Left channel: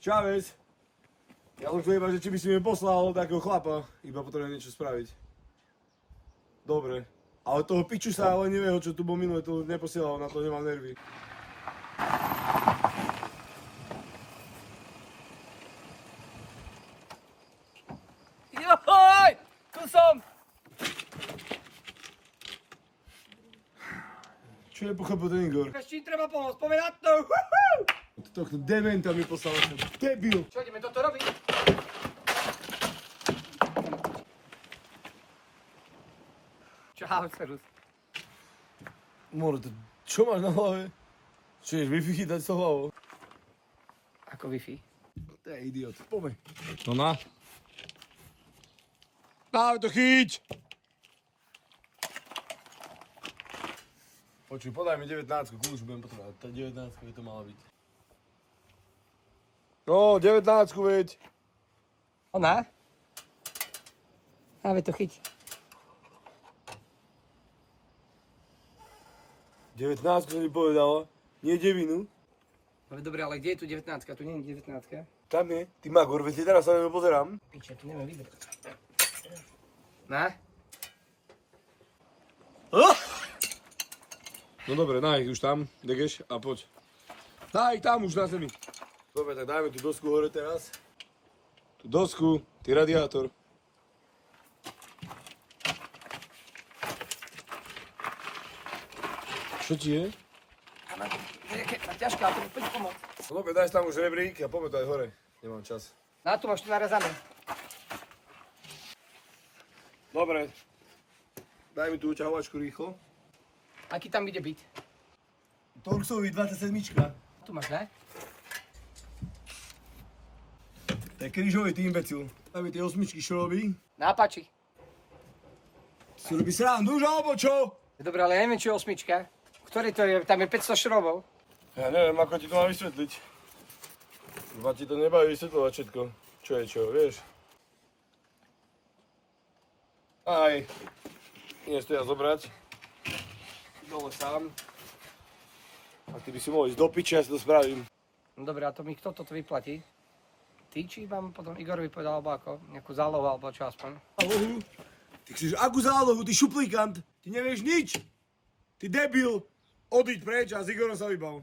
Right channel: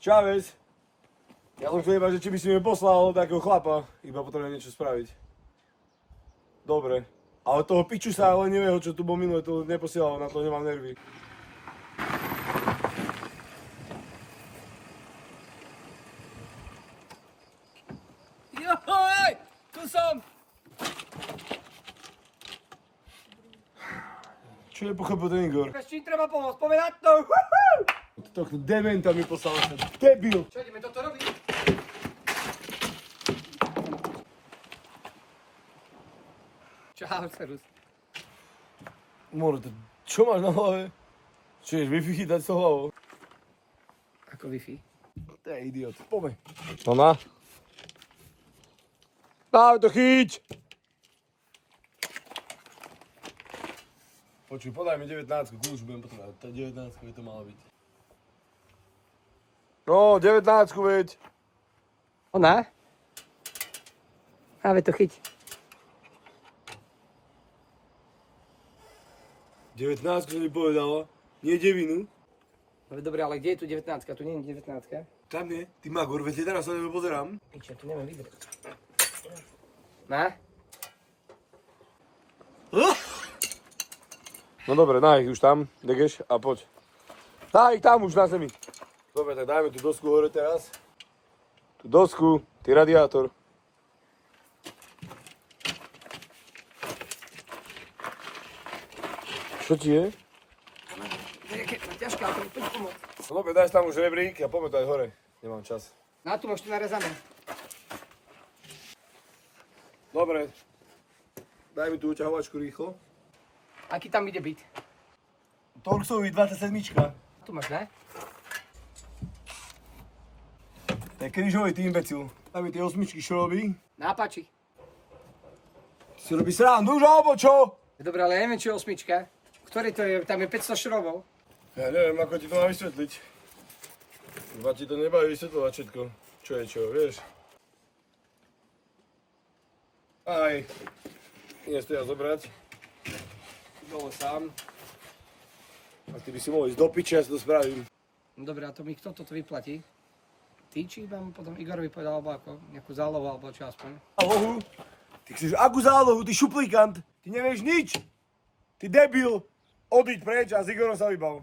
Čávez. Ja som chcel iba, že či by si mi poslal takého chlapa, iba potrebujem niečo spraviť. Dobre. Ale toho piču sa ale nevie, čo tu bol minulé, to neposielal, na to nemám nervy. Joj! Tu som! Čo je pochopil ten Igor? S čím treba pomôcť? Povedať to! Tohto dementa mi poslal ten debil. Čo, ideme toto robiť? Čau, Cerus. More, čo máš na hlave? Čo ješ, Wi-Fi chytať s hlavou? Ako Wi-Fi? To je idiot, poďme. Ona? Dáme to chyť! Počuj, podaj mi 19, kľúč budem potrebovať. Tá 19 by to mala byť. No, 19 veď. Ona? Ale to chyť. 19 som ti povedala, nie 9. No dobre, ale kde je tu 19? Tu nie je 19. Tam je, ty Magor, veď teraz sa na pozerám. Piče, tu neviem vybrať. Na? No dobre, daj ich už tam, degeš a poď. Daj ich tam už na zemi. Dobre, tak dajme tú dosku hore teraz. Tú dosku, ty radiátor. Čo ti je? Ťažká, ale to mi poď pomôcť. No dobre, daj tam už rebrík a poďme to aj hore. Nemám čas. Na tu máš to narezané. Dobre. Daj mi tú uťahovačku rýchlo. Aký tam ide byť? Torxový 27. Tu máš, ne? To je krížový, ty imbecil. Daj mi tie osmičky, čo robí. Nápači. Ty si robí srandu už, alebo čo? Dobre, ale ja neviem, čo je osmička. Ktorý to je? Tam je 500 šrobov. Ja neviem, ako ti to mám vysvetliť. Iba ti to nebaví vysvetľovať všetko. Čo je čo, vieš? Aj. Dnes to ja zobrať. Dole sám. A ty by si mohol ísť do piče, ja si to spravím. No dobre, a to mi kto toto vyplatí? Ty, či mám potom Igorovi povedal, alebo ako? Nejakú zálohu, alebo čo aspoň? Zálohu? Ty chceš akú zálohu, ty šuplikant? Ty nevieš nič. Ty debil. Odíď preč a s Igorom sa vybav.